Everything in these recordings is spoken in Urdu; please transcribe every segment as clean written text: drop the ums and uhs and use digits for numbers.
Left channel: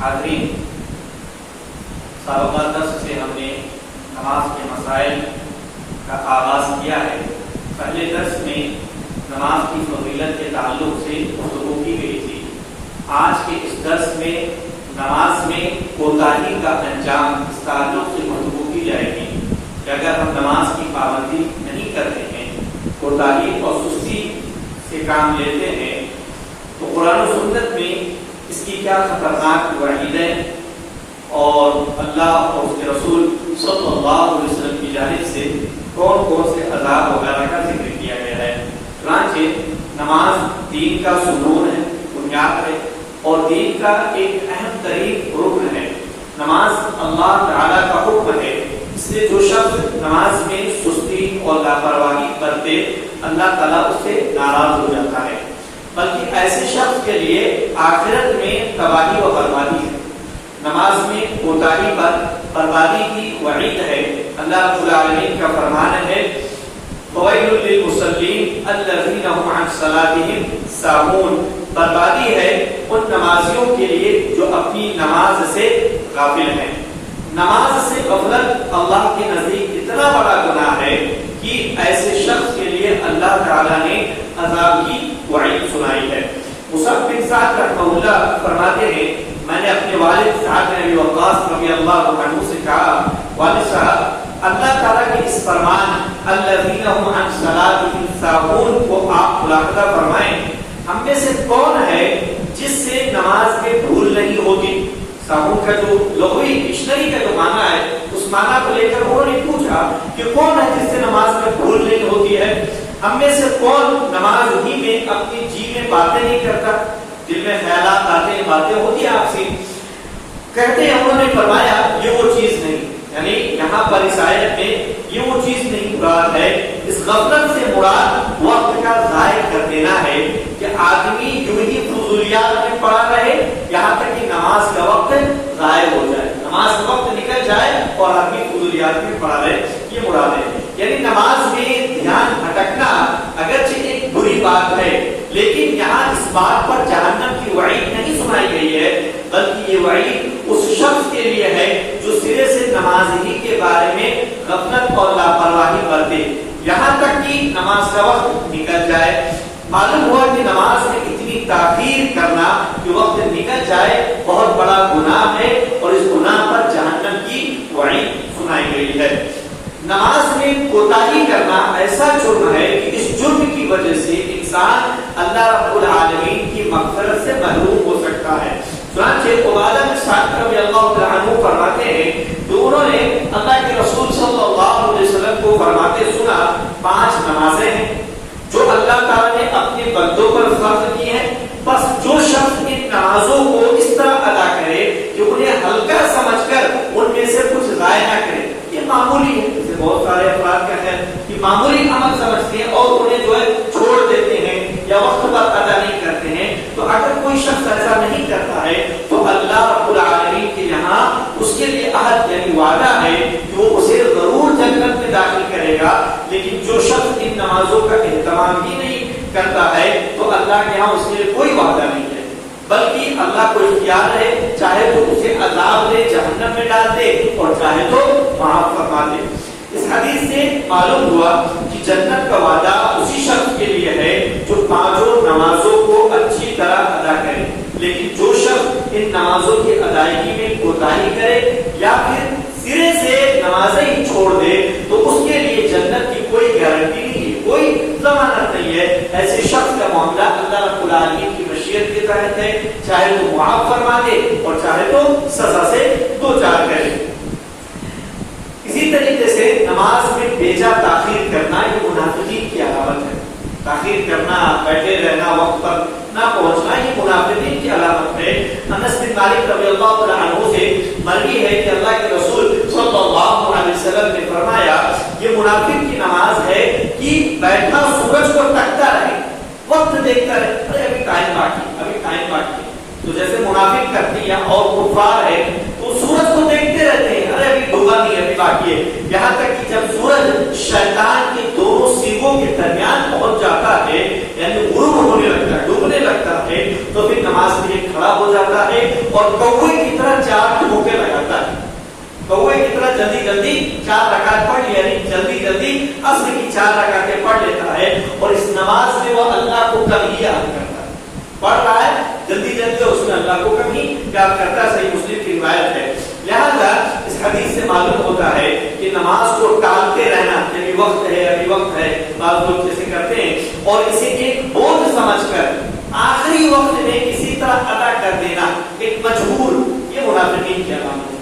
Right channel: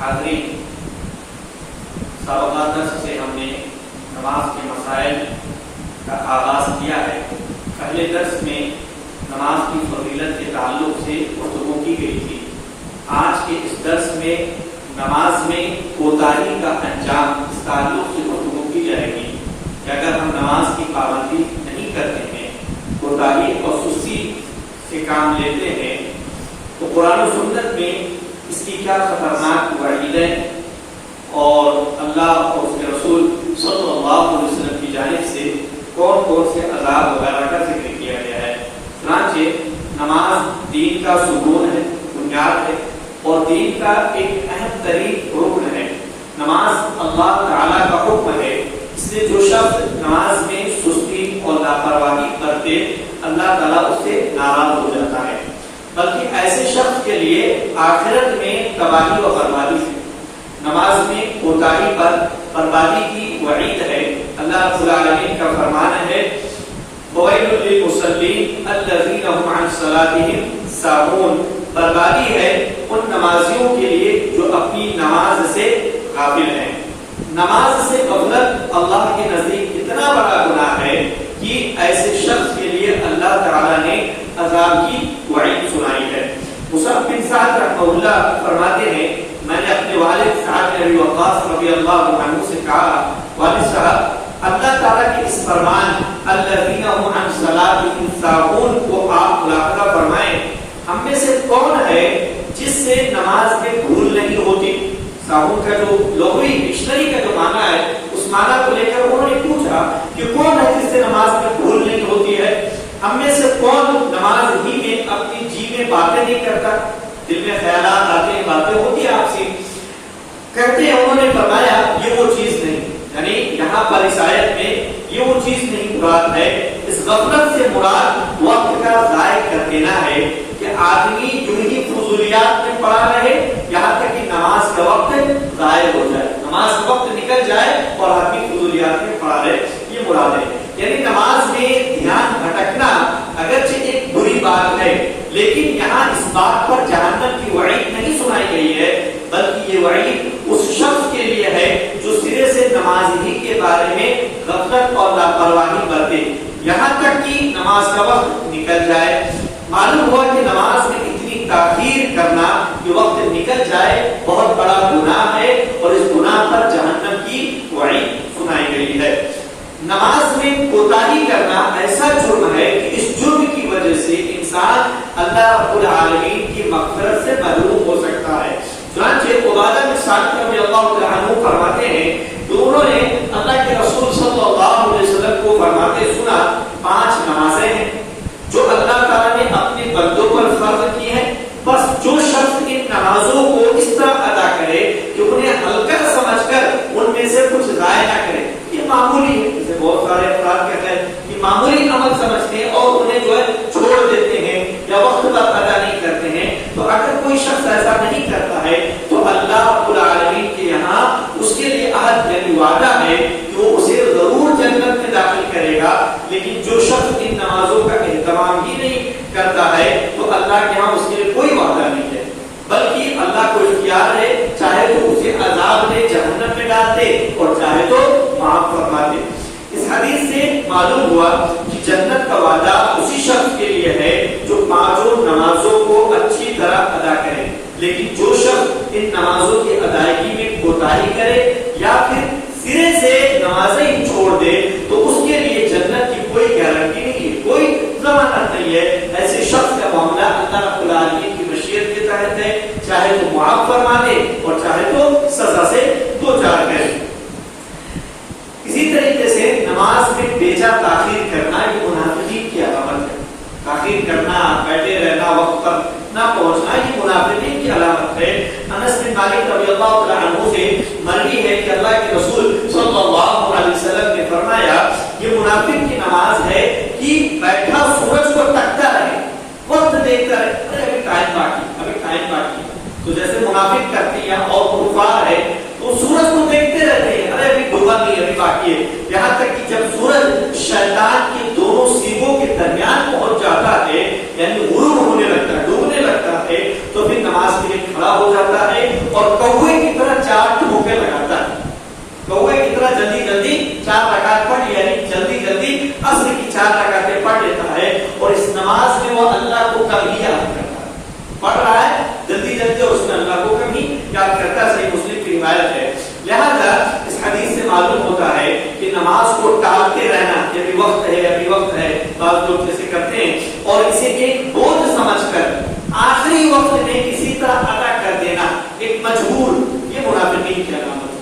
حاضرین، سابقہ درس سے ہم نے نماز کے مسائل کا آغاز کیا ہے۔ پہلے درس میں نماز کی فضیلت کے تعلق سے گفتگو کی گئی تھی۔ آج کے اس درس میں نماز میں کوتاہی کا انجام اس تعلق سے گفتگو کی جائے گی کہ اگر ہم نماز کی پابندی نہیں کرتے ہیں، کوتاہی اور سستی سے کام لیتے ہیں، تو قرآن و سنت میں اس کی کیا خطرناک وعیدیں اور اللہ اور اس کے رسول صلی اللہ علیہ وسلم کی جانب سے کون کون سے عذاب وغیرہ کا ذکر کیا گیا ہے۔ چنانچہ نماز دین کا ستون ہے، بنیاد ہے اور دین کا ایک اہم ترین رکن ہے۔ نماز اللہ تعالیٰ کا حکم ہے، اس لیے جو شخص نماز میں سستی اور لاپرواہی برتے اللہ تعالیٰ اس سے ناراض ہو جاتا ہے، بلکہ ایسے شخص کے لیے آخرت میں تباہی و بربادی ہے۔ نماز میں کوتاہی پر بربادی کی وعید ہے۔ اللہ رب العالمین کا فرمان ہے، وَوَيْلٌ لِّلْمُصَلِّينَ الَّذِينَ هُمْ عَنْ صَلَاتِهِمْ سَاهُونَ۔ بربادی ہے ان نمازیوں کے لیے جو اپنی نماز سے غافل ہیں۔ نماز سے غفلت اللہ کے نزدیک اتنا بڑا گناہ ہے کہ ایسے شخص کے لیے اللہ تعالیٰ نے عذاب کی وعید سنائی ہے۔ مصعب بن سعد رحمہ اللہ فرماتے ہیں، میں نے اپنے والد سعد بن ابی وقاص رضی اللہ عنہ سے کہا، والد صاحب، اللہ تعالیٰ کے اس فرمان الذین هم عن صلاتهم ساہون کو آپ ملاحظہ فرمائیں، ہم میں سے کون ہے جس سے نماز میں بھول نہیں ہوتی؟ ساہون کا جو لغوی ڈکشنری کا جو معنی ہے، اس معنی کو لے کر انہوں نے پوچھا کہ کون ہے جس سے نماز میں بھول نہیں ہوتی ہے؟ ہم میں سے کون نماز ہی میں اپنی جی میں باتیں نہیں کرتا؟ دل میں خیالات آتے ہیں، باتیں ہوتی ہیں آپ سے۔ کہتے ہیں انہوں نے فرمایا یہ وہ چیز نہیں، یعنی یہاں پر اس آیت میں یہ وہ چیز نہیں مراد ہے، اس غفلت سے مراد وقت کا ضائع کر دینا ہے کہ آدمی جو ہی فضولیات میں پڑا رہے یہاں تک کہ نماز کا وقت ضائع ہو جائے، نماز کا وقت نکل جائے اور آدمی فضولیات میں پڑا رہے، یہ مراد ہے۔ یعنی نماز میں دھیان بھٹکنا اگرچہ ایک بری بات ہے، لیکن یہاں اس بات پر جہنم کی وعید نہیں سنائی گئی ہے، بلکہ یہ وعید اس شخص کے لیے ہے جو سرے سے نماز ہی کے بارے میں غفلت اور لاپرواہی برتے یہاں تک کہ نماز کا وقت نکل جائے۔ معلوم ہوا کہ نماز میں اتنی تاخیر کرنا کہ وقت نکل جائے بہت بڑا گناہ ہے اور اس گناہ پر جہنم کی وعید سنائی گئی ہے۔ نماز میں کوتاہی کرنا ایسا جرم ہے کہ اس جرم کی وجہ سے انسان اللہ رب العالمین کی مغفرت سے محروم ہو سکتا ہے۔ چنانچہ عبادہ بن صامت رضی اللہ عنہ فرماتے ہیں کہ انہوں نے اللہ کے رسول صلی اللہ علیہ وسلم کو فرماتے سنا، 5 نمازیں ہیں جو اللہ تعالیٰ نے اپنے بندوں پر فرض کی ہیں، بس جو شخص ان نمازوں کو اس طرح ادا کرے کہ انہیں ہلکا سمجھ کر ان میں سے کچھ ضائع نہ کرے۔ یہ معمولی ہے، جیسے بہت سارے افراد کہتے ہیں کہ معمولی عمل سمجھتے ہیں اور انہیں جو ہے چھوڑ دیتے ہیں یا وقت پر ادا نہیں کرتے ہیں۔ تو اگر کوئی شخص ایسا نہیں کرتا ہے تو اللہ رب العالمین کے یہاں اس کے لیے عہد یعنی وعدہ ہے کہ وہ اسے ضرور جنت میں داخل کرے گا، لیکن جو شخص ان نمازوں کا اہتمام ہی نہیں کرتا ہے تو اللہ کے یہاں اس کے لیے کوئی وعدہ نہیں ہے، بلکہ اللہ کو اختیار ہے، چاہے تو اسے عذاب دے، جہنم میں ڈال دے، اور چاہے تو معاف فرما دے۔ اس حدیث سے معلوم ہوا کہ جنت کا وعدہ اسی شخص کے لیے ہے جو 5 نمازوں کو اچھی طرح ادا کرے، لیکن جو شخص ان نمازوں کی ادائیگی میں کوتاہی کرے یا پھر سرے سے نمازیں ہی چھوڑ دے تو اس کے لیے جنت کی کوئی گارنٹی نہیں ہے، کوئی ضمانت نہیں ہے۔ ایسے شخص کا معاملہ اللہ رب العالمین کی مشیت کے تحت ہے، چاہے تو معاف فرما دے اور چاہے تو سزا سے دوچار کرے۔ اسی طریقے سے نماز میں بیجا تاخیر کرنا یہ منافقین کی علامت ہے۔ تاخیر کرنا، بیٹھے رہنا، وقت پر نہ پہنچنا یہ منافقین کی علامت ہے۔ انس بن مالک رضی اللہ عنہ سے مروی ہے کہ اللہ کے رسول صلی اللہ علیہ وسلم نے فرمایا یہ منافق کی نماز ہے کہ بیٹھا سورج کو تکتا رہے، وقت دیکھتا رہے، ارے ابھی ٹائم باقی، ابھی ٹائم باقی۔ تو جیسے منافق کرتی ہے اور کفار ہے تو سورج کو دیکھتے رہتے ہیں، ارے ابھی ڈوبا نہیں، ابھی باقی ہے، یہاں تک کہ جب سورج شیطان کے دونوں سینگوں کے درمیان پہنچ جاتا ہے، یعنی غروب ہونے لگتا ہے، ڈوبنے لگتا ہے، تو پھر نماز کے لیے کھڑا ہو جاتا ہے اور کوے کی طرح 4 ٹھمکے لگاتا ہے. کوے کی طرح جلدی جلدی 4 رکعت پڑھ لیا، یعنی جلدی جلدی عصر کی 4 رکعتیں پڑھ لیتا ہے اور اس نماز میں وہ اللہ کو کبھی یاد کرتا ہے. پڑھ رہا ہے جلدی جلدی، اس میں اللہ کو کبھی یاد کرتا ہے. صحیح مسلم کی روایت ہے. لہذا اس حدیث سے معلوم ہوتا ہے کہ نماز کو ٹالتے رہنا، کہ ابھی وقت ہے ابھی وقت ہے، بعض لوگ جیسے کرتے ہیں اور اسے ایک بوجھ سمجھ کر آخری وقت میں کسی طرح ادا کر دینا، ایک مجبور، یہ منافقین کی علامت ہے.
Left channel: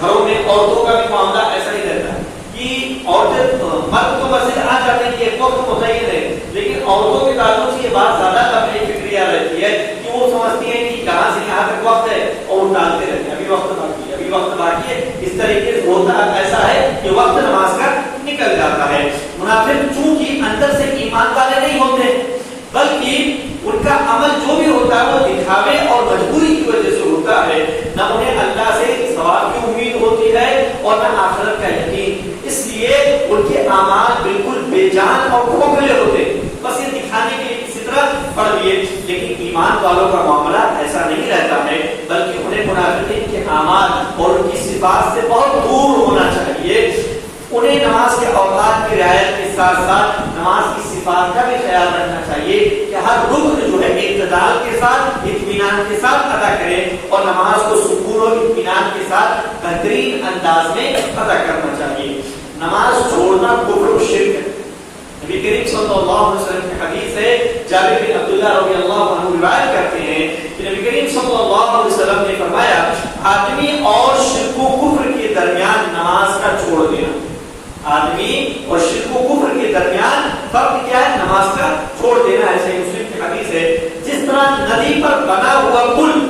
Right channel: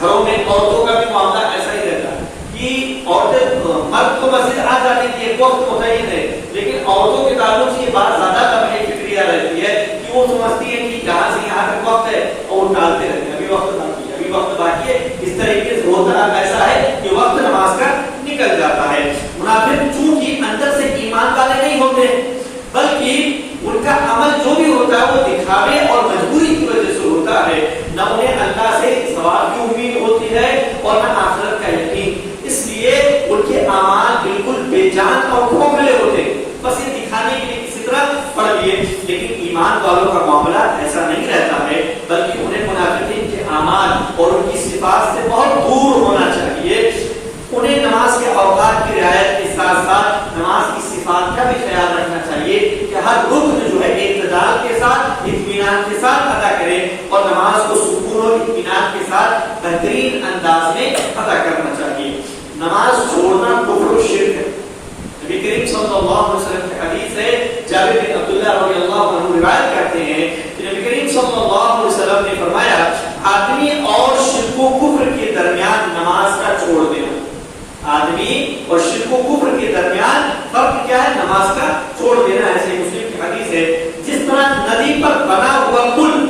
گھروں میں عورتوں کا بھی معاملہ ایسا ہی رہتا ہے کہ عورتیں مرد کو مسجد آ جانے کی ایک وقت متعین ہے، لیکن عورتوں کے تعلق سے یہ بات زیادہ طبعی فکریہ رہتی ہے کہ وہ سمجھتی ہیں کہ یہاں سے یہاں تک وقت ہے اور وہ ٹالتے رہتے ہیں، ابھی وقت باقی ہے ابھی وقت باقی ہے. اس طریقے سے ہوتا ایسا ہے کہ وقت نماز کا نکل جاتا ہے. منافق چونکہ اندر سے ایمان والے نہیں ہوتے، بلکہ ان کا عمل جو بھی ہوتا ہے وہ دکھاوے اور مجبوری کی وجہ سے ہوتا ہے. نہ انہیں اللہ سے ثواب کی امید ہوتی ہے اور نہ آخرت کا یقین، اس لیے ان کے اعمال بالکل بے جان اور کھوکھلے ہوتے، بس یہ دکھانے کے لیے کسی طرح پڑھ لیے. لیکن ایمان والوں کا معاملہ ایسا نہیں رہتا ہے، بلکہ انہیں منافقین کے اعمال اور ان کی صفات سے بہت دور ہونا چاہیے. انہیں نماز کے اوقات کی رعایت کے ساتھ ساتھ نماز کی صفات کا بھی خیال رکھنا چاہیے کہ ہر رکن جو ہے اعتدال کے ساتھ اطمینان کے ساتھ ادا کرے اور نماز کو سکون اور اطمینان کے ساتھ بہترین انداز میں ادا کرنا چاہیے. نماز چھوڑنا کفر و شرک ہے. نبی کریم صلی اللہ علیہ وسلم کی حدیث ہے، جابر بن عبداللہ رضی اللہ عنہ روایت کرتے ہیں کہ نبی کریم صلی اللہ علیہ وسلم نے فرمایا، آدمی اور شرک و کفر کے درمیان نماز کا چھوڑ دینا. آدمی اور شرک و کفر کے درمیان فرق کیا ہے؟ نماز کا چھوڑ دینا. ایسے مسلم کی حدیث ہے، جس طرح ندی پر بنا ہوا پل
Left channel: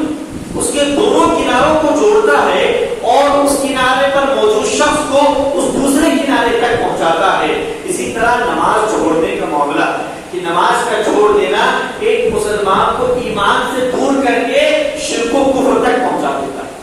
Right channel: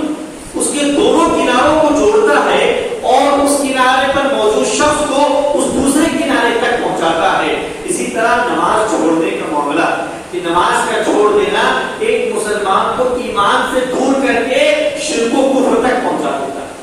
اس کے دونوں کناروں کو جوڑتا ہے اور اس کنارے پر موجود شخص کو اس دوسرے کنارے تک پہنچاتا ہے، اسی طرح نماز چھوڑنے کا معاملہ کہ نماز کا چھوڑ دینا ایک مسلمان کو ایمان سے دور کر کے شرک و کفر تک پہنچا دیتا ہے.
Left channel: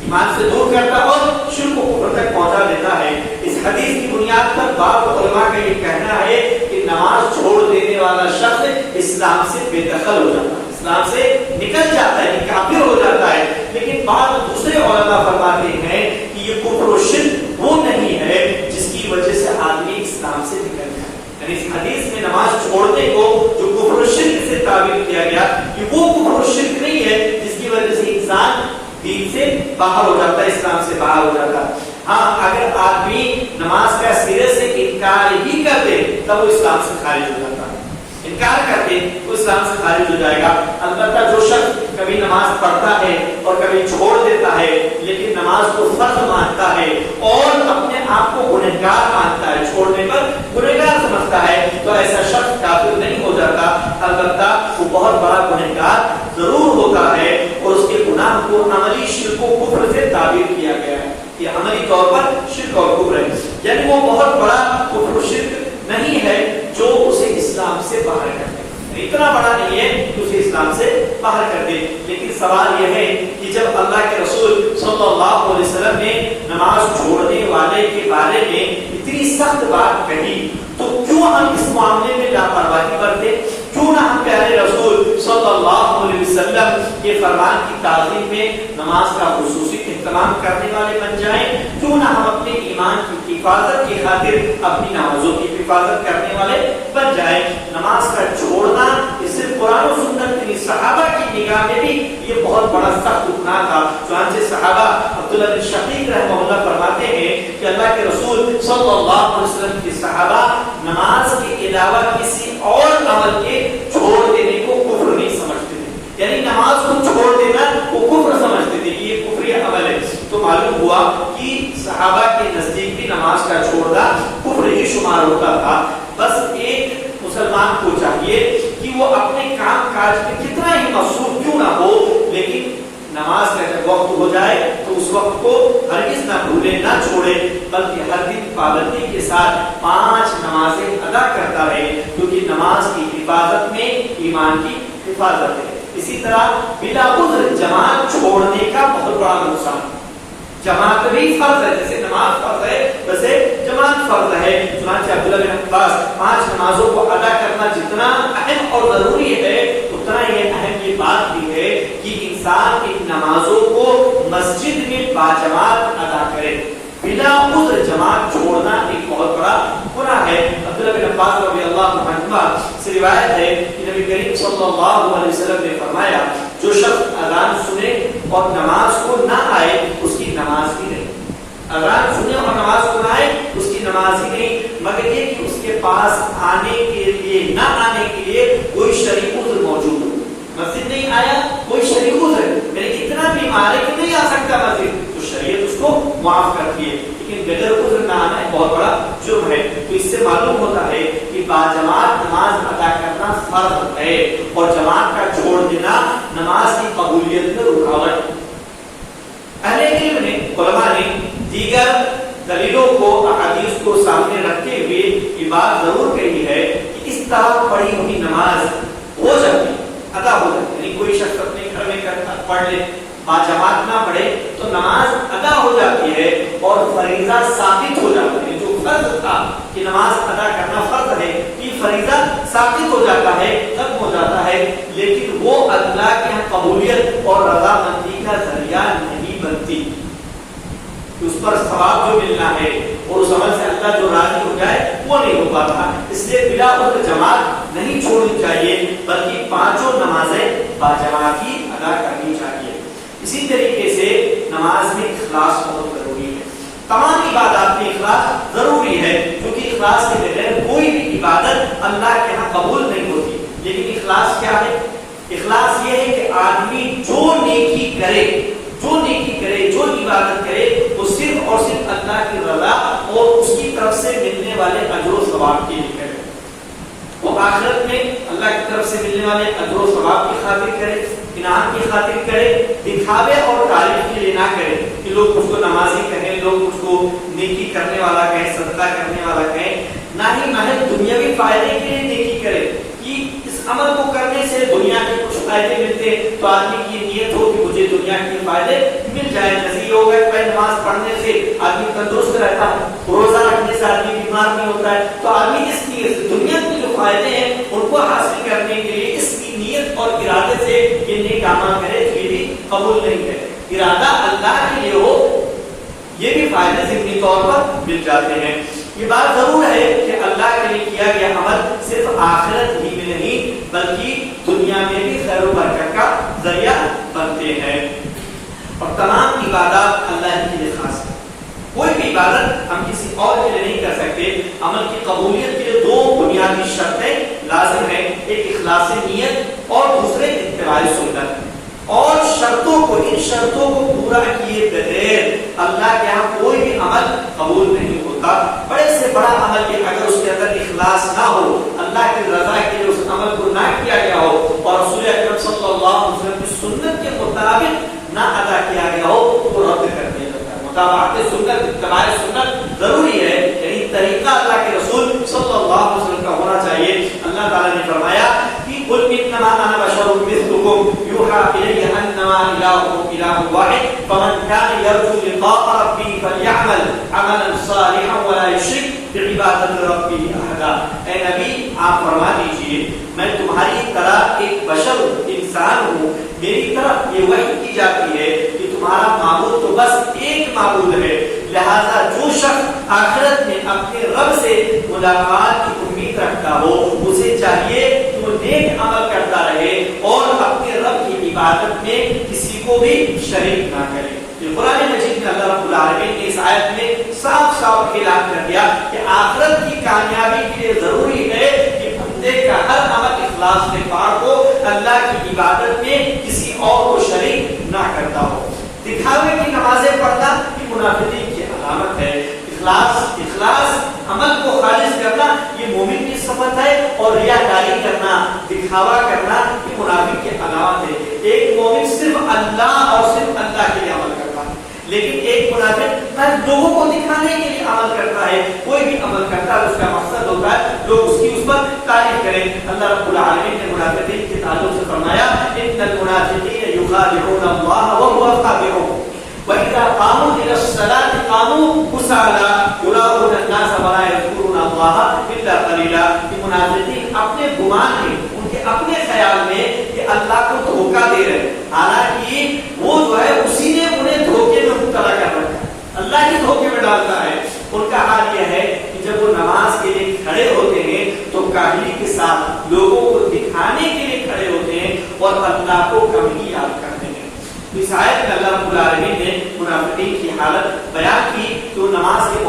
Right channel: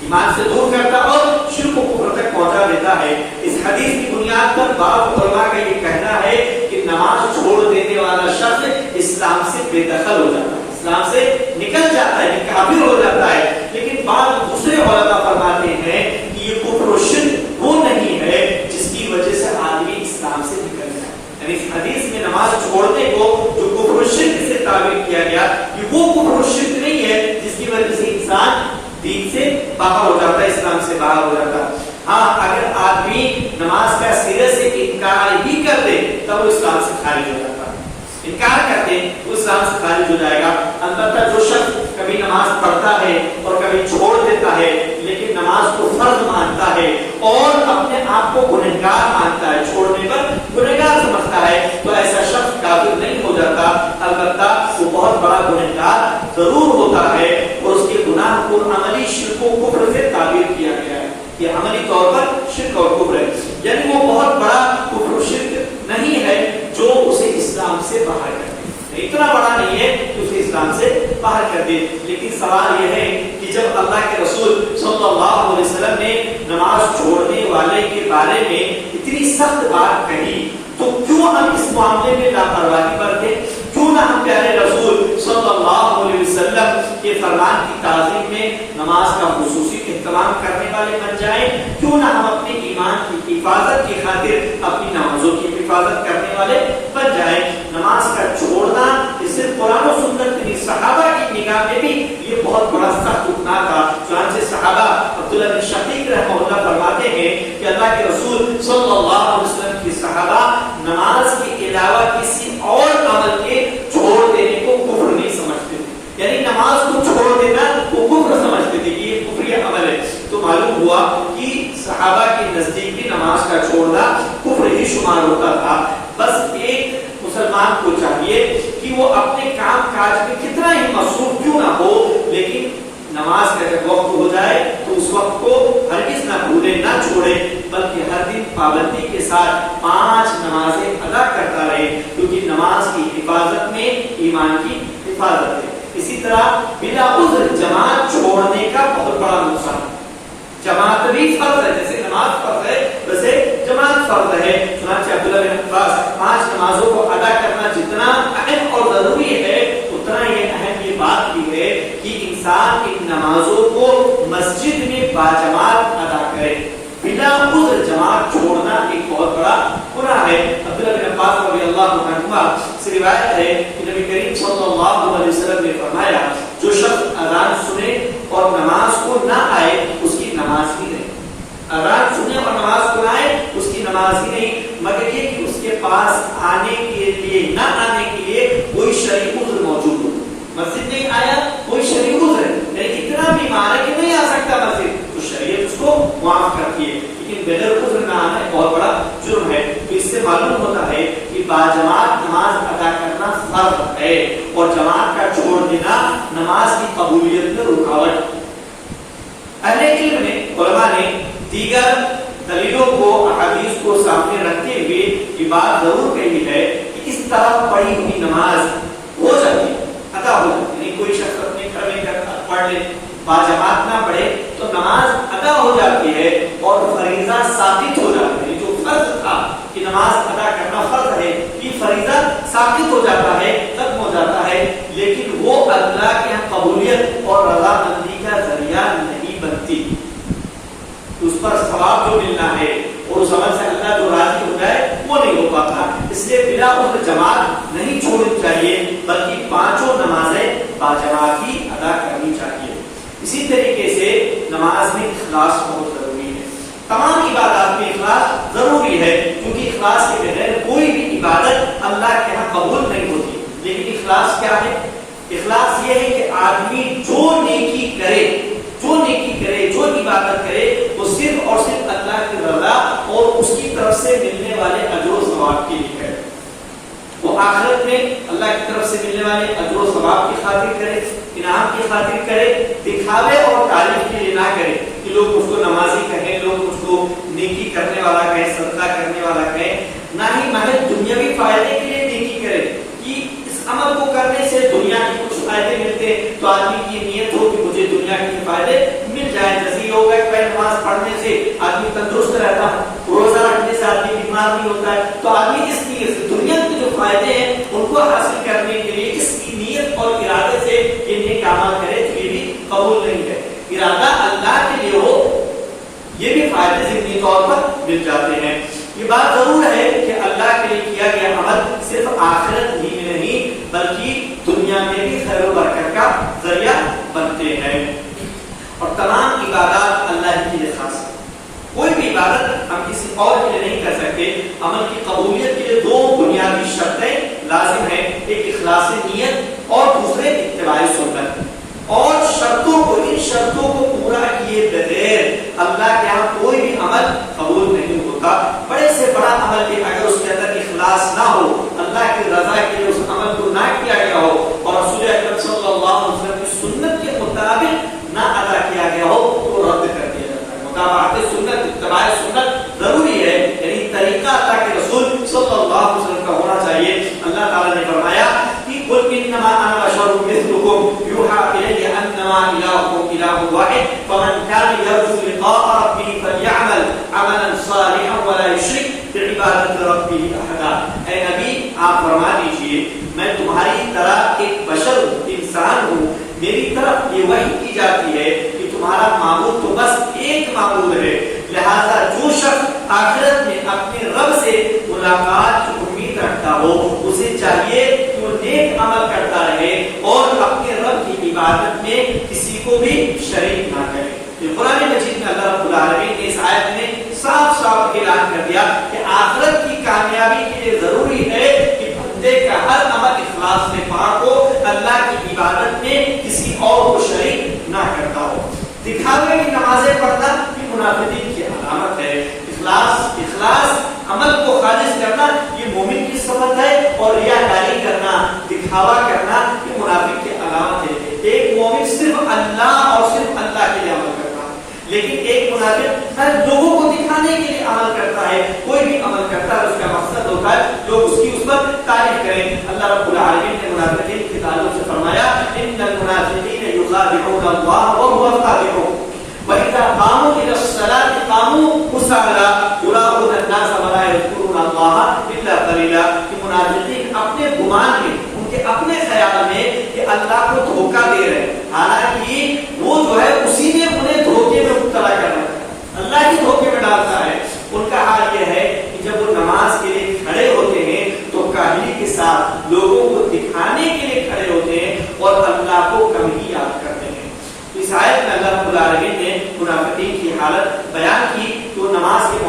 ایمان سے دور کرتا اور شرک و کفر تک پہنچا دیتا ہے. اس حدیث کی بنیاد پر بعض علماء کا یہ کہنا ہے کہ نماز چھوڑ دینے والا شخص اسلام سے بے دخل ہو جاتا ہے، اسلام سے نکل جاتا ہے، کافر ہو جاتا ہے. لیکن بعض دوسرے علماء فرماتے ہیں کہ یہ کفر و شرک وہ نہیں ہے جس کی وجہ سے آدمی اسلام سے نکل جائے. یعنی اس حدیث میں نماز چھوڑنے کو جو کفر و شرک سے تعبیر کیا گیا کہ وہ کفر و شرک نہیں ہے جس کی وجہ سے انسان دین سے باہر ہو جاتا ہے، اسلام سے باہر ہو جاتا ہے. ہاں، اگر آدمی نماز کا سرے سے انکار ہی کر دے تب وہ اسلام سے خارج ہو جاتا ہے. انکار کر دے تو اسلام سے خارج ہو جائے گا. البتہ جو شخص کبھی نماز پڑھتا ہے اور کبھی چھوڑ دیتا ہے لیکن نماز کو فرض مانتا ہے اور اپنے آپ کو گنہگار مانتا ہے، چھوڑنے پر گنہگار سمجھتا ہے، تو ایسا شخص کافر نہیں ہو جاتا. البتہ وہ بہت بڑا گنہگار ضرور ہوتا ہے اور اس کے گناہ کو عملی شرک و کفر سے تعبیر کیا گیا ہے. یہ عملی طور پر شرک اور کفر ہے، یعنی وہ بہت بڑا کفر و شرک نہیں ہے جو اسے اسلام سے باہر کر دے، اتنا بڑا نہیں ہے کہ اسے اسلام سے باہر کر دے. لیکن سوال یہ ہے کہ جب اللہ کے رسول صلی اللہ علیہ وسلم نے نماز چھوڑنے والے کے بارے میں اتنی سخت بات کہی تو کیوں ہم اس معاملے میں لاپرواہی برتے؟ کیوں نہ ہم پیارے رسول صلی اللہ علیہ وسلم کے فرمان کی تعظیم میں نماز کا خصوصی اہتمام کرنے والے بن جائیں؟ کیوں نہ ہم اپنے ایمان کی حفاظت کی خاطر اپنی نمازوں کی حفاظت کرنے والے بن جائیں؟ نماز کا چھوڑنا یہ صرف قرآن و سنت نہیں، صحابہ کی نگاہ میں بھی یہ بہت بڑا سخت گناہ تھا. چنانچہ صحابہ عبداللہ بن شقیق رحمہ اللہ فرماتے ہیں کہ اللہ کے رسول صلی اللہ علیہ وسلم کے صحابہ نماز کے علاوہ کسی اور عمل کے چھوڑ دینے کو کفر نہیں سمجھتے تھے. یعنی نماز کو چھوڑ دینا وہ کفر سمجھتے تھے کہ یہ کفری عمل ہے. تو معلوم ہوا کہ صحابہ کے نزدیک بھی نماز کا چھوڑنا کفر ہی شمار ہوتا تھا. بس ایک مسلمان کو چاہیے کہ وہ اپنے کام کاج میں کتنا ہی مصروف کیوں نہ ہو، لیکن نماز کا جب وقت ہو جائے تو اس وقت کو ہرگز نہ بھولے، نہ چھوڑے، بلکہ ہر دن پابندی کے ساتھ 5 نمازیں ادا کرتا رہے، کیونکہ نماز کی حفاظت میں ایمان کی حفاظت ہے. اسی طرح بلا عذر جماعت چھوڑنے کا بہت بڑا نقصان. جماعت بھی فرض ہے، جیسے نماز فرض ہے ویسے جماعت فرض ہے. چنانچہ عبداللہ بن عباس 5 نمازوں کو ادا کرنا جتنا اہم اور ضروری ہے اتنا یہ اہم یہ بات بھی ہے کہ انسان ان نماز روایت ہے کہ نبی کریم صلی اللہ علیہ وسلم نے فرمایا جو شخص اذان سنے اور نماز کو نہ آئے اس کی نماز ہی نہیں. اذان سنے اور نماز کو نہ آئے اس کی نماز ہی نہیں، مگر یہ کہ اس کے پاس آنے کے لیے نہ آنے کے لیے کوئی شرعی عذر موجود ہو. مسجد نہیں آیا کوئی شرعی عذر ہے، میں اتنا بیمار ہے کہ نہیں آ سکتا مسجد، تو شریعت اس کو معاف کرتی ہے. لیکن بغیر عذر نہ آنا ایک بہت بڑا جرم ہے. تو اس سے معلوم ہوتا ہے کہ باجماعت نماز ادا کرنا فرض ہے اور جماعت کا چھوڑ دینا نماز کی قبولیت میں رکاوٹ. اہل علم نے، علماء نے دیگر دلیلوں کو، احادیث کو سامنے رکھتے ہوئے یہ بات ضرور کہی ہے کہ اس طرح پڑھی ہوئی نماز ہو جاتی، ادا ہو جاتی. یعنی کوئی شخص اپنے گھر میں پڑھ لے، باجماعت نہ پڑھے تو نماز ادا ہو جاتی ہے اور فریضہ ثابت ہو جاتا ہے. جو فرض تھا کہ نماز ادا کرنا فرض ہے، یہ فریضہ ثابت ہو جاتا ہے، ختم ہو جاتا ہے، لیکن وہ اللہ کے قبولیت اور رضامندی کا ذریعہ نہیں بنتی. اس پر ثواب جو ملنا ہے اور اس عمل سے اللہ جو راضی ہو جائے وہ نہیں ہو پاتا. اس لیے بلا عذر جماعت نہیں چھوڑنی چاہیے بلکہ پانچوں نمازیں باجماعت ہی ادا کرنی چاہیے. اسی طریقے سے نماز میں اخلاص بہت ضروری ہے. تمام عبادات میں اخلاص ضروری ہے کیونکہ اخلاص کے بغیر کوئی بھی عبادت اللہ کے ہاں قبول نہیں ہوتی. لیکن اخلاص کیا ہے؟ اخلاص یہ ہے کہ آدمی جو نیکی کرے، جو عبادت کرے وہ صرف اور صرف اللہ کی رضا اور اس کی طرف سے ملنے والے اجر و ثواب کے لیے کرے. وہ آخرت میں اللہ کی طرف سے ملنے والے اجر و ثواب کی خاطر کرے، انعام کی خاطر کرے، دکھاوے اور تعریف کے لیے نہ کرے کہ لوگ اس کو نمازی کہیں، لوگ اس کو نیکی کرنے والا کہیں، صدقہ کرنے والا کہیں. نہ ہی محض دنیاوی فائدے کے لیے نیکی کرے کہ اس عمل کو کرنے سے دنیا کے کچھ فائدے ملتے تو آدمی کی نیت ہو کہ مجھے دنیا کے فائدے مل جائیں. جیسے یہ ہوگا کہ نماز پڑھنے سے آدمی تندرست رہتا ہے، روزہ رکھنے سے آدمی بیمار نہیں ہوتا ہے، تو آدمی اس نیت سے دنیا کے جو فائدے ہیں ان کو حاصل کرنے کے لیے اس کی نیت اور ارادے سے یہ نیک عمل کرے تو یہ بھی قبول نہیں ہے. ارادہ اللہ کے لیے ہو یہ بھی فائدے ضمنی طور پر مل جاتے ہیں. یہ بات ضرور ہے کہ اللہ کے لیے کیا گیا عمل صرف آخرت ہی میں نہیں بلکہ دنیا میں بھی خیر و برکت کا ذریعہ بنتے ہیں. اور تمام عبادات اللہ کے لیے خاص ہے. کوئی بھی عبادت ہم کسی اور کے لیے نہیں کر سکتے. عمل کی قبولیت کے لیے دو بنیادی شرطیں لازم ہیں، ایک اخلاص نیت اور دوسرے اتباع سنت. اور ان شرطوں کو پورا کیے بغیر اللہ کے یہاں کوئی بھی عمل قبول نہیں ہوتا. بڑے سے بڑا عمل بھی اگر اس کے اندر اخلاص نہ ہو، اللہ کی رضا کے لیے اس عمل کو نہ کیا گیا ہو اور رسول اکرم صلی اللہ علیہ وسلم کی سنت کے مطابق نہ ادا کیا گیا ہو تو رد کر دیا جاتا ہے. مطابقت سنت، اتباع سنت ضروری ہے، یعنی طریقہ اللہ کے رسول صلی اللہ علیہ وسلم کا ہونا چاہیے. اللہ تعالیٰ نے فرمایا کہ قل انما انا بشر مثلكم يوحى الي انما الهكم اله واحد فمن كان يرجو لقاء ربه فليعمل عملا صالحا ولا يشرك بعبادت ربه احدا. اے نبی آپ فرما دیجئے میں تمہاری طرح ایک بشر ہوں، انسان ہوں، میری طرف یہ وحی کی جاتی ہے کہ تمہارا معبود تو بس ایک معبود ہے. لہذا جو شخص آخرت میں اپنے رب سے ملاقات کی امید رکھتا ہو اسے چاہیے کہ وہ نیک عمل کرتا رہے اور اپنے رب کی عبادت میں کسی کو بھی شریک نہ کرے. قرآن مجید میں اللہ رب العالمین نے اس آیت میں صاف صاف اعلان کر دیا کہ آخرت کی کامیابی کے لیے ضروری ہے کہ بندے کا ہر عمل اخلاص سے پاک ہو، اللہ کی عبادت میں کسی اور کو شریک نہ کرتا ہو. دکھاوے کی نمازیں پڑھنا یہ منافقین کی علامت ہے. اخلاص عمل کو خالص کرنا یہ مومن کی صفت ہے اور ریاکاری کرنا، دکھاوا کرنا یہ منافق کی علامت ہے. ایک مومن صرف اللہ اور صرف اللہ کے لیے عمل کرتا ہے، لیکن ایک منافق ہر لوگوں کو دکھانے کے لیے عمل کرتا ہے. کوئی بھی عمل کرتا ہے اس کا مقصد ہوتا ہے لوگ اس کی اس پر تعریف کریں. اللہ رب العالمین نے منافقین کے تعلق سے فرمایا ان المنافقین یخادعون اللہ وهو خادعهم وَإِذَا قَامُوا إِلَى الصَّلَاةِ قَامُوا كُسَالَىٰ يُرَاءُونَ النَّاسَ وَلَا يَذْكُرُونَ اللَّهَ إِلَّا قَلِيلًا. کہ منافقین اپنے گمان میں، ان کے اپنے خیال میں کہ اللہ کو دھوکہ دے رہے ہیں، حالانکہ وہ جو ہے اسی نے انہیں دھوکے میں مبتلا کر رکھا ہے، اللہ کے دھوکے میں ڈالتا ہے. ان کا حال یہ ہے کہ جب وہ نماز کے لیے کھڑے ہوتے ہیں تو کاہلی کے ساتھ لوگوں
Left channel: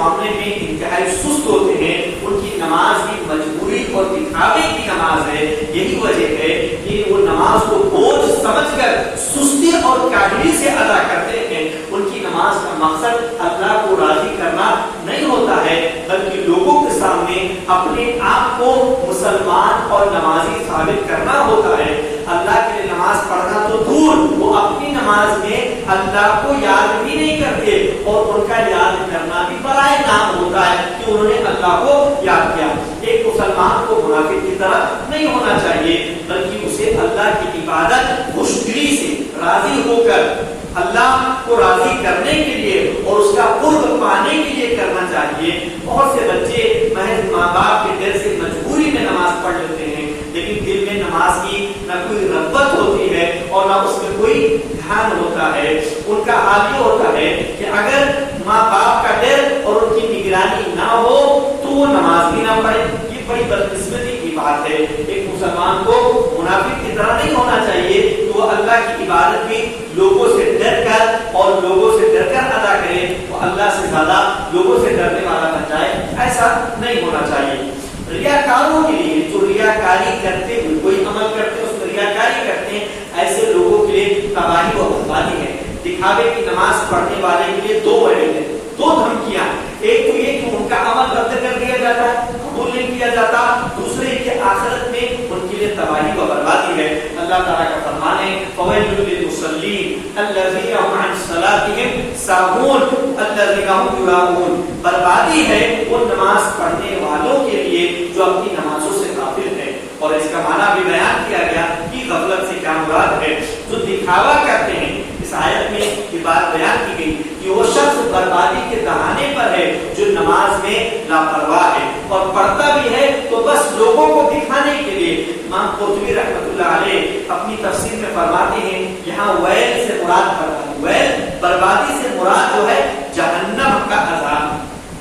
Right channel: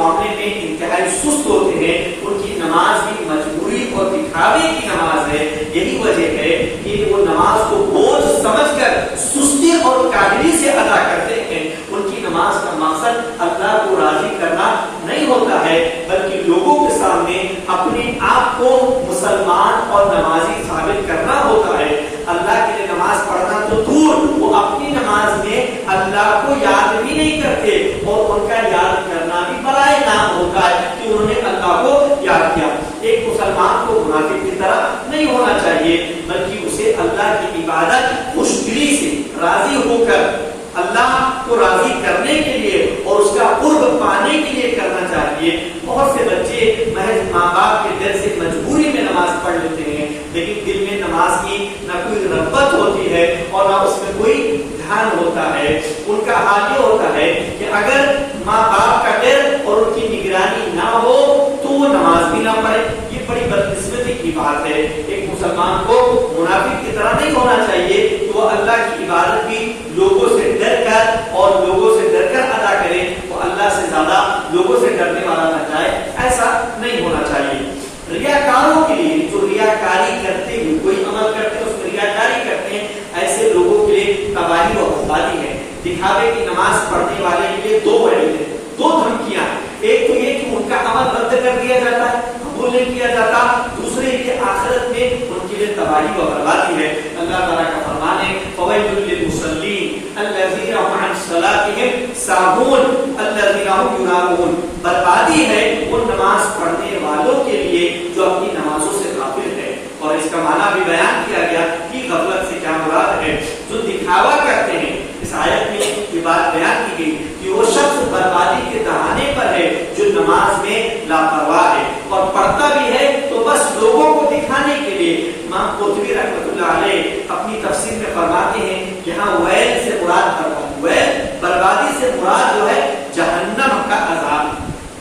معاملے میں انتہائی سست ہوتے ہیں، ان کی نماز بھی مجبوری اور دکھاوے کی نماز ہے. یہی وجہ ہے کہ وہ نماز کو بوجھ سمجھ کر سستی اور کاہلی سے ادا کرتے ہیں. ان کی نماز کا مقصد اللہ کو راضی کرنا نہیں ہوتا ہے، بلکہ لوگوں کے سامنے اپنے آپ کو مسلمان اور نمازی ثابت کرنا ہوتا ہے. اللہ کے لیے نماز پڑھنا تو دور، وہ اپنی نماز میں اللہ کو یاد بھی نہیں کرتے، اور ان کا یاد کرنا بھی برائے نام ہوتا ہے کہ انہوں نے اللہ کو یاد کیا. ایک مسلمان کو منافق کی طرح نہیں ہونا چاہیے، بلکہ اسے اللہ کی عبادت خوشدلی سے راضی ہو کر اللہ کو راضی کرنے کے لیے اور اس کا قرب پانے کے لیے کرنا چاہیے. بہت سے بچے محض ماں باپ کے ڈر سے مجبوری میں نماز پڑھ لیتے ہیں، لیکن دل میں نماز کی نہ کوئی رغبت ہوتی ہے اور نہ اس میں کوئی دھیان ہوتا ہے. ان کا حال یہ ہوتا ہے کہ اگر ماں باپ کا ڈر اور ان کی نگرانی نہ ہو تو وہ نماز بھی نہ پڑھے. یہ بڑی بدقسمتی کی بات ہے. ایک مسلمان کو منافق کی طرح نہیں ہونا چاہیے کہ وہ اللہ کی عبادت بھی لوگوں سے ڈر کر اور لوگوں سے ڈر کر ادا کرے، وہ اللہ سے زیادہ لوگوں سے ڈرنے والا بن جائے. ایسا نہیں ہونا چاہیے. ریاکاروں کے لیے جو ریاکاری کرتے ہوئے کوئی عمل کرتے ہیں اس میں ریاکاری کرتے ہیں، ایسے لوگوں کے لیے تباہی و بربادی ہے. دکھاوے کی نماز پڑھنے والے کے لیے دو وعید ہیں، دو دھمکیاں. ایک تو یہ کہ ان کا عمل رد کر دیا جاتا ہے، قبول نہیں کیا جاتا. دوسرے کہ آخرت میں ان کے لیے تباہی و بربادی ہے. اللہ تعالیٰ کا فرمان ہے فویل للمصلین الذین هم عن صلاتهم ساہون الذین هم یراؤون. بربادی ہے وہ نماز پڑھنے والوں کے لیے جو اپنی نمازوں سے غافل ہے. اور اس کا معنی بھی بیان کیا گیا کہ غفلت سے کیا مراد ہے. جو دکھاوا کرتے ہیں، اس آیت میں یہ بات بیان کی گئی کہ وہ شخص بربادی کے دہانے پر ہے جو نماز میں لاپرواہ ہے اور پڑھتا بھی ہے تو بس لوگوں کو دکھانے کے لیے. امام قرطبی رحمۃ اللہ علیہ اپنی تفسیر میں فرماتے ہیں یہاں ویل سے مراد بربادی، ویل بربادی سے مراد جو ہے جہنم کا عذاب.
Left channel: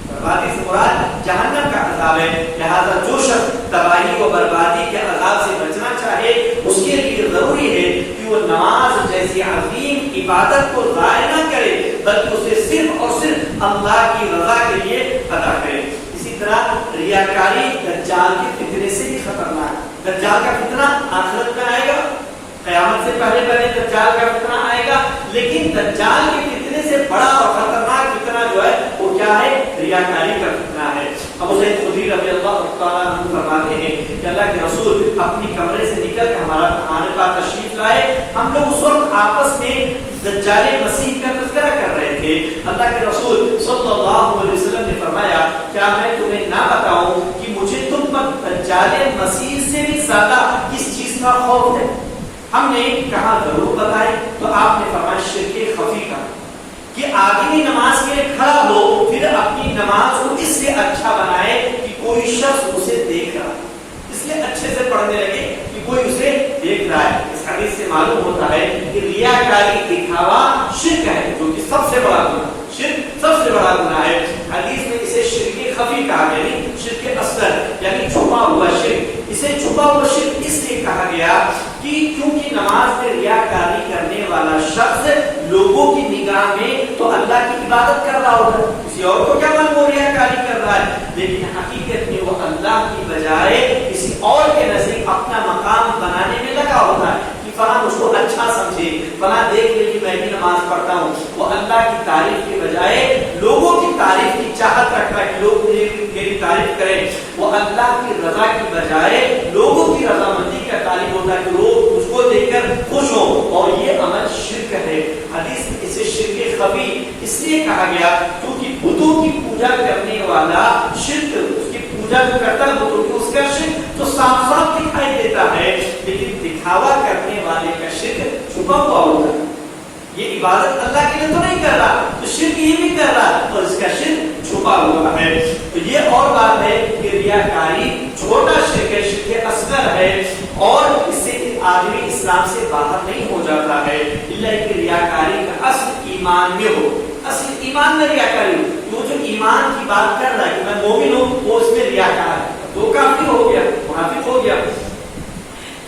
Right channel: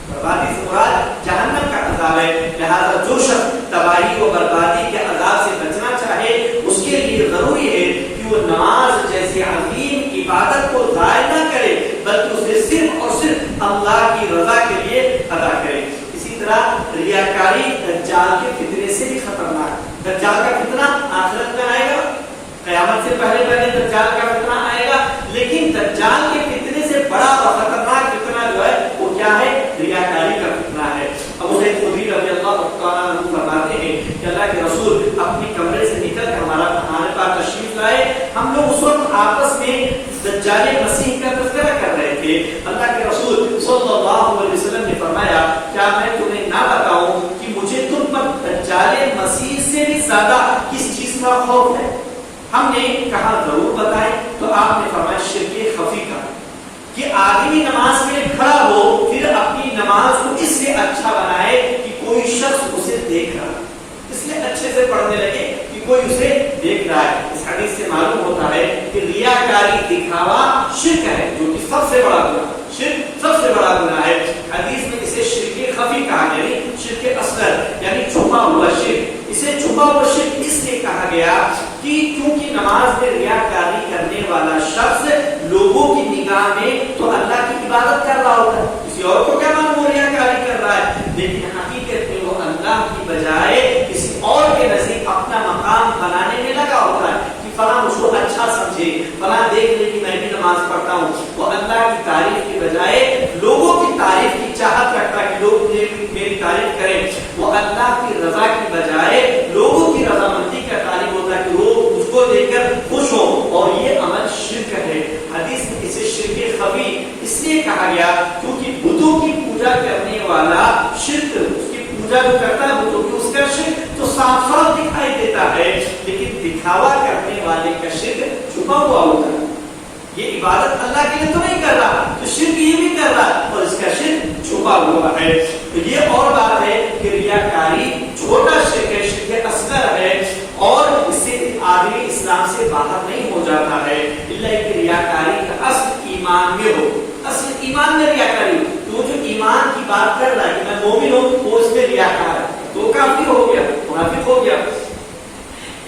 بربادی سے مراد جہنم کا عذاب ہے. لہذا جو شخص تباہی و بربادی کے عذاب سے بچنا چاہے اس کے لیے ضروری ہے کہ وہ نماز جیسی عظیم عبادت کو ضائع نہ کرے، بلکہ اسے صرف اور صرف اللہ کی رضا کے لیے ادا کرے. اسی طرح ریاکاری دجال کے فتنے سے بھی خطرناک ہے. دجال کا فتنہ آخرت میں آئے گا، قیامت سے پہلے دجال کا فتنہ آئے گا، لیکن دجال کے فتنے سے بڑا اور خطرناک فتنہ جو ہے وہ کیا ہے؟ ریاکاری کا فتنہ ہے. ابو سعید خدری رضی اللہ تعالیٰ عنہ فرماتے ہیں کہ اللہ کے رسول اپنے کمرے سے نکل کر ہمارے پاس تشریف لائے. ہم لوگ اس وقت آپس میں دجال مسیح کا تذکرہ کر رہے تھے. اللہ کے رسول صلی اللہ علیہ وسلم نے فرمایا کیا میں تمہیں نہ بتاؤں کہ مجھے تم پر دجال مسیح سے بھی زیادہ کس چیز کا خوف ہے؟ ہم نے کہا ضرور بتائیں. تو آپ نے فرمایا شرک خفی کا، کہ آدمی نماز کے لیے کھڑا ہو پھر اپنی نماز کو اس لیے اچھا بنائے کہ کوئی شخص اسے دیکھ رہا ہے، اس لیے اچھے سے پڑھنے لگے کہ کوئی اسے دیکھ رہا ہے. اس حدیث سے معلوم ہوتا ہے کہ ریاکاری دکھاوا شرک ہے، جو کہ سب سے بڑا گناہ، شرک سب سے بڑا گناہ ہے. حدیث میں اسے شرک خفی کہا گیا، یعنی شرک اصغر یعنی چھپا ہوا شرک. اسے چھپا ہوا شرک اس لیے کہا گیا کہ کیونکہ نماز میں ریاکاری کرنے والا شخص لوگوں کی نگاہ میں تو اللہ کی عبادت کر رہا ہوتا ہے، کسی اور کو کیا معلوم وہ ریاکاری کر رہا ہے، لیکن حقیقت میں وہ اللہ کی بجائے کسی اور کے نزدیک اپنا مقام بنانے میں لگا ہوتا ہے کہ فلاں اس کو اچھا سمجھے، فلاں دیکھ لے کہ میں بھی نماز پڑھتا ہوں. وہ اللہ کی تعریف کے بجائے لوگوں کی تعریف کی چاہت رکھتا ہے کہ لوگ میری تعریف کریں. وہ اللہ کی رضا کی بجائے لوگوں کی رضامندی کا تعلق ہوتا ہے کہ لوگ اس کو دیکھ کر خوش ہوں، اور یہ عمل شرک ہے. حدیث میں اسے شرک خفی اس لیے کہا گیا کیونکہ بتوں کی پوجا کرنے والا شرک، اس کی پوجا جو کرتا ہے بتوں کی، اس کا شرک تو صاف صاف دکھائی دیتا ہے، لیکن دکھاوا کرنے والے کا شرک چھپا ہوا ہوتا ہے. یہ عبادت اللہ کے لیے تو نہیں کر رہا، تو شرک یہ بھی کر رہا ہے اور اس کا شرک چھپا ہوا ہے. تو یہ اور بات ہے کہ ریاکاری چھوٹا شرک ہے، شرک اصغر ہے، اور اس سے آدمی اسلام سے باہر نہیں ہو جاتا ہے الا کہ ریاکاری کا اصل ایمان میں ہو. اصل ایمان میں ریاکاری ہو، جو ایمان کی بات کر رہا ہے کہ میں مومن ہوں، وہ اس میں ریاکار ہے، تو کافر ہو گیا، منافق ہو گیا.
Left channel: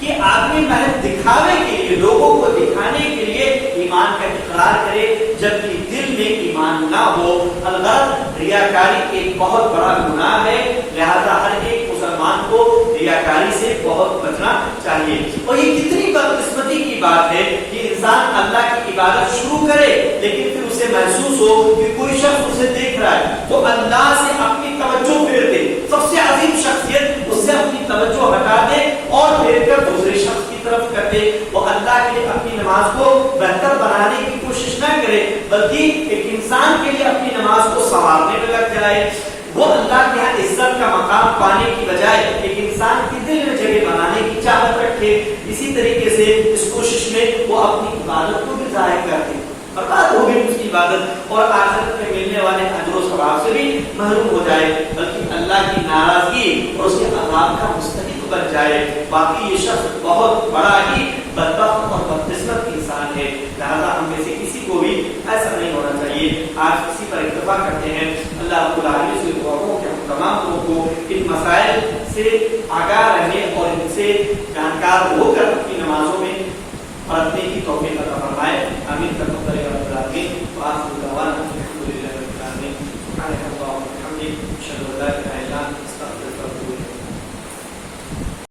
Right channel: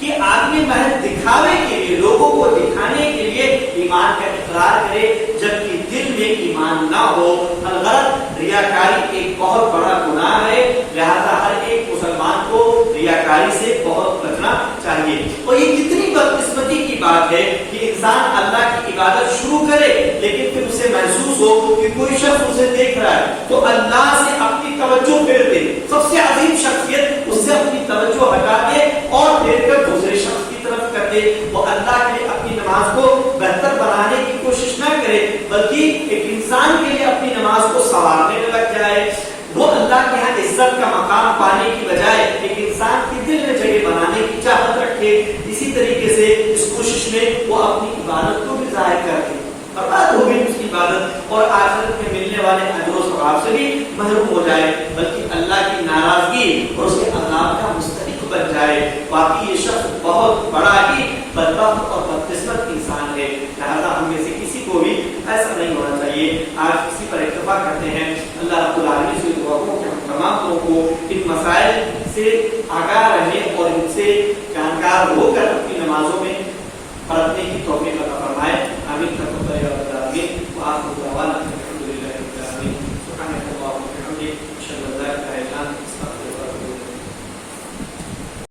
کہ آدمی محض دکھاوے کے لیے، لوگوں کو دکھانے کے لیے ایمان کا اقرار کرے جبکہ دل میں ایمان نہ ہو. الغرض ریاکاری ایک بہت بڑا گناہ ہے، لہذا ہر ایک مسلمان کو ریاکاری سے بہت بچنا چاہیے۔ اور یہ کتنی بدقسمتی کی بات ہے کہ انسان اللہ کی عبادت شروع کرے لیکن پھر اسے محسوس ہو کہ کوئی شخص اسے دیکھ رہا ہے تو اللہ سے اپنی توجہ پھیر دے، سب سے عظیم شخصیت اس سے اپنی توجہ ہٹا دے اور پھیر کر دوسرے شخص کی طرف کر دے۔ وہ اللہ کے لیے اپنی نماز کو بہتر بنانے کی کوشش نہ کرے بلکہ ایک انسان کے لیے اپنی نماز کو سنوارنے میں لگ جائے۔ وہ اللہ کے ہاں عزت کا مقام پانے کی بجائے ایک انسان کی دل میں جگہ بنانے کی چاہت رکھے، اسی طریقے سے اس کوشش میں وہ اپنی عبادت کو بھی ضائع کر دے، برباد ہو گئی اس کی عبادت، اور آخرت میں ملنے والے اجر و ثواب سے بھی محروم ہو جائے، بلکہ اللہ کی ناراضگی اور اس کے عذاب کا مستحق بن جائے۔ واقعی یہ شخص بہت بڑا ہی بدبخت اور بدقسمت انسان ہے، لہذا ہم میں سے کسی کو بھی ایسا نہیں ہونا چاہیے۔ آج کسی پر اکتفا کرتے ہیں، اللہ رب العالمین سے دعا کروں کہ ہم تمام لوگوں کو ان مسائل سے آگاہ رہنے اور ان سے جانکار ہو کر اپنی